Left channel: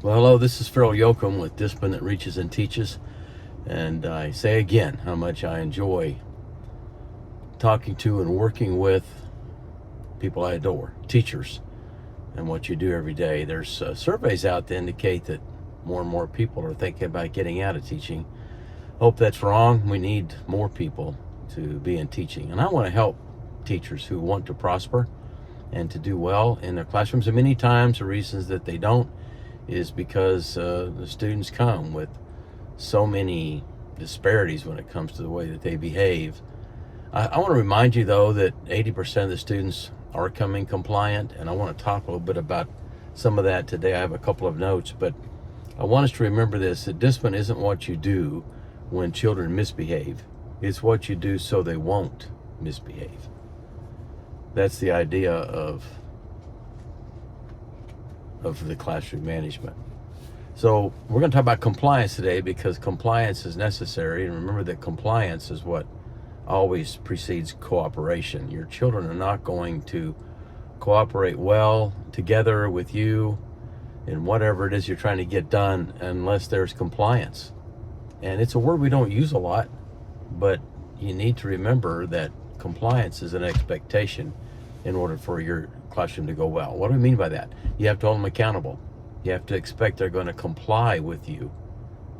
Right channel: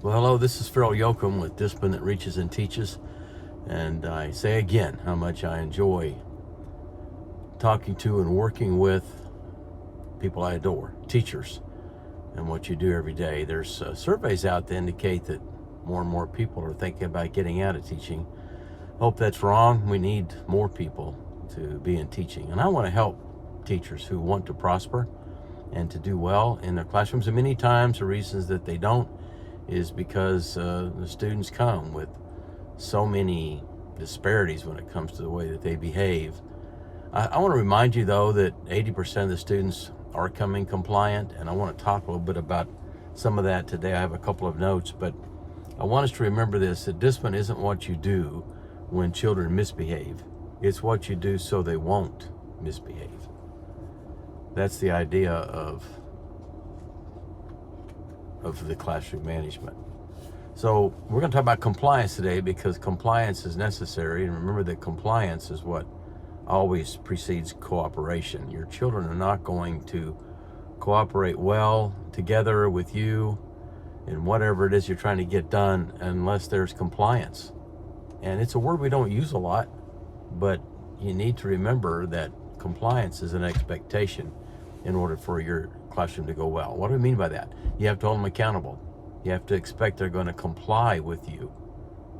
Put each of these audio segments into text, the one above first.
Well, hello, this is Phil Yoakum with Discipline That Reaches and Teaches. And I say again how much I enjoy talking to and working with people I adore, teachers, and what you do every day. There's surveys out that indicate that more and more people are thinking about getting out of teaching. Hope that's wrong. We need more people to be in teaching. And I want to help teachers who want to prosper and to do well in their classrooms. And many times the reasons that they don't is because the students come with so many disparities when it comes to the way that they behave. I want to remind you, though, that 80% of the students are coming compliant, and I want to talk a little bit about some of that today. I have a couple of notes, but I want us to remember this, that discipline isn't what you do when children misbehave. It's what you do so they won't misbehave. That's the idea of the classroom management. So we're going to talk about compliance today because compliance is necessary. And remember that compliance is what always precedes cooperation. Your children are not going to cooperate well together with you in whatever it is you're trying to get done unless there's compliance. And it's a word we don't use a lot, but you need to remember that compliance is an expectation in order for your classroom to go well. What do we mean by that? You have to hold them accountable. You have to expect they're going to comply with you,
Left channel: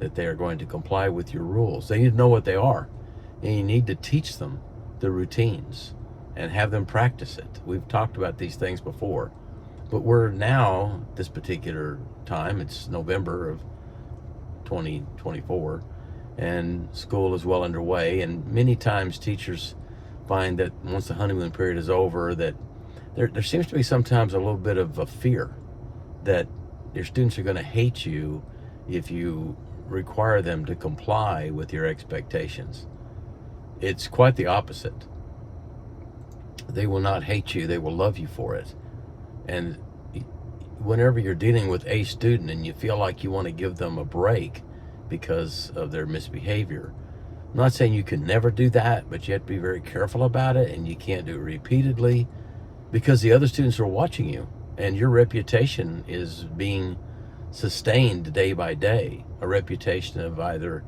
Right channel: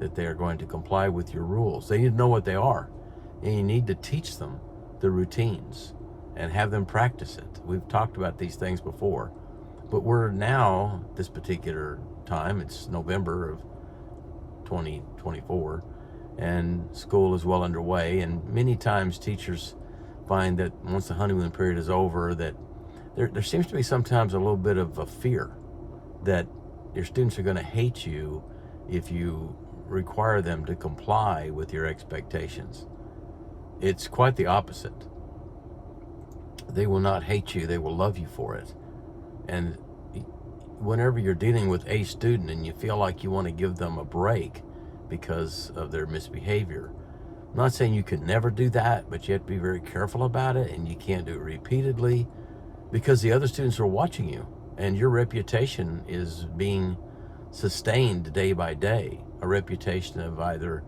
that they are going to comply with your rules. They need to know what they are, and you need to teach them the routines and have them practice it. We've talked about these things before, but we're now, this particular time, it's November of 2024, and school is well underway, and many times teachers find that once the honeymoon period is over, that there seems to be sometimes a little bit of a fear that your students are going to hate you if you require them to comply with your expectations. It's quite the opposite. They will not hate you, they will love you for it. And whenever you're dealing with a student and you feel like you want to give them a break because of their misbehavior, I'm not saying you can never do that, but you have to be very careful about it, and you can't do it repeatedly because the other students are watching you and your reputation is being sustained day by day. A reputation of either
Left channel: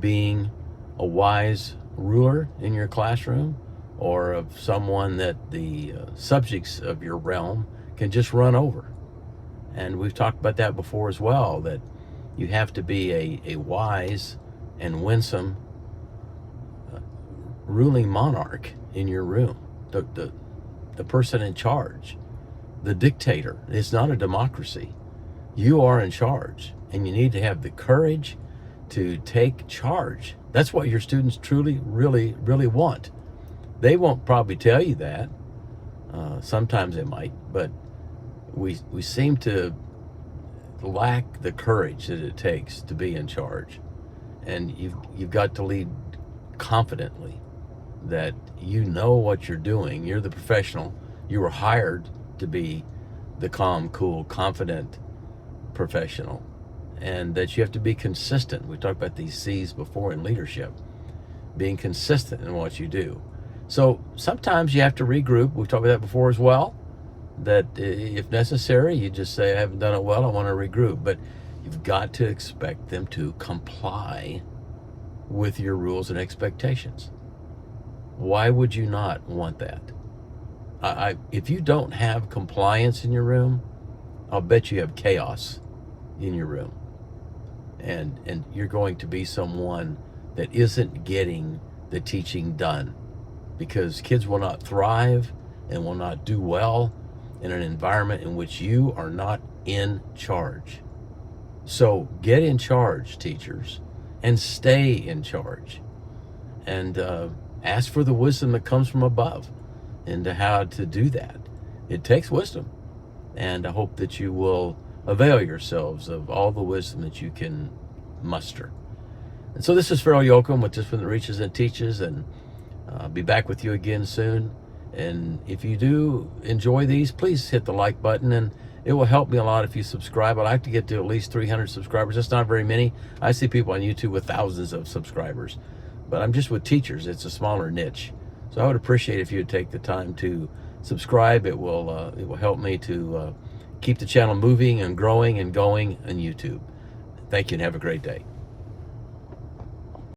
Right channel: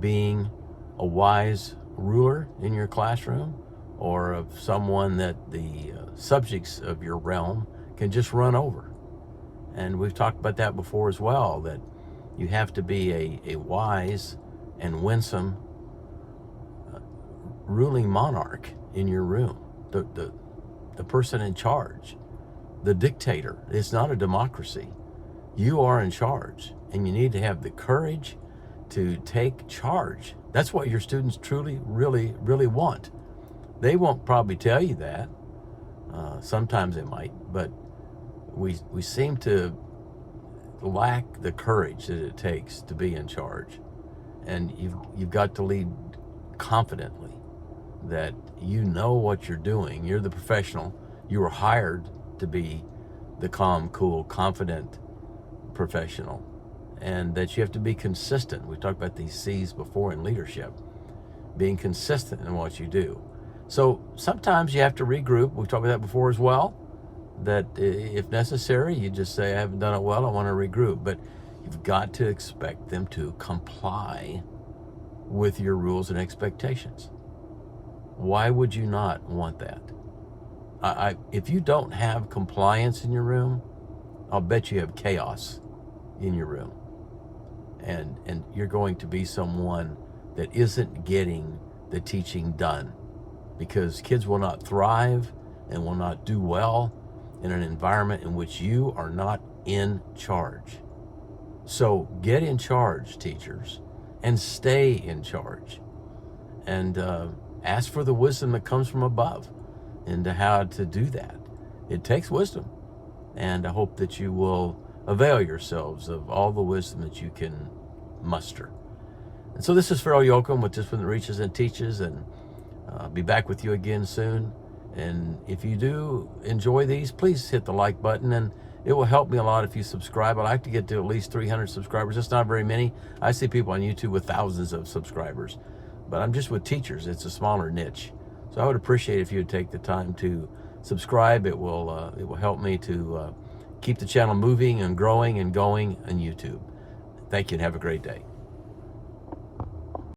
being a wise ruler in your classroom or of someone that the subjects of your realm can just run over. And we've talked about that before as well, that you have to be a wise and winsome ruling monarch in your room, the person in charge, the dictator. It's not a democracy. You are in charge, and you need to have the courage to take charge. That's what your students truly, really, really want. They won't probably tell you that. Sometimes they might, but we seem to lack the courage that it takes to be in charge. And you've got to lead confidently, that you know what you're doing. You're the professional. You were hired to be the calm, cool, confident professional, and that you have to be consistent. We talked about these C's before in leadership, being consistent in what you do. So sometimes you have to regroup. We've talked about that before as well, that if necessary, you just say, I haven't done it well, I want to regroup. But you've got to expect them to comply with your rules and expectations. Why would you not want that? If you don't have compliance in your room, I'll bet you have chaos in your room. And you're going to be someone that isn't getting the teaching done, because kids will not thrive and will not do well in an environment in which you are not in charge. So get in charge, teachers, and stay in charge. And ask for the wisdom that comes from above into how to do that. It takes wisdom. And I hope that you will avail yourselves of all the wisdom that you can muster. And so this is Phil Yoakum with Discipline That Reaches and Teaches, and I'll be back with you again soon. And if you do enjoy these, please hit the like button, and it will help me a lot if you subscribe. I'd like to get to at least 300 subscribers. That's not very many. I see people on YouTube with thousands of subscribers, but I'm just with teachers. It's a smaller niche. So I would appreciate if you would take the time to subscribe. It will help me to keep the channel moving and growing and going on YouTube. Thank you and have a great day.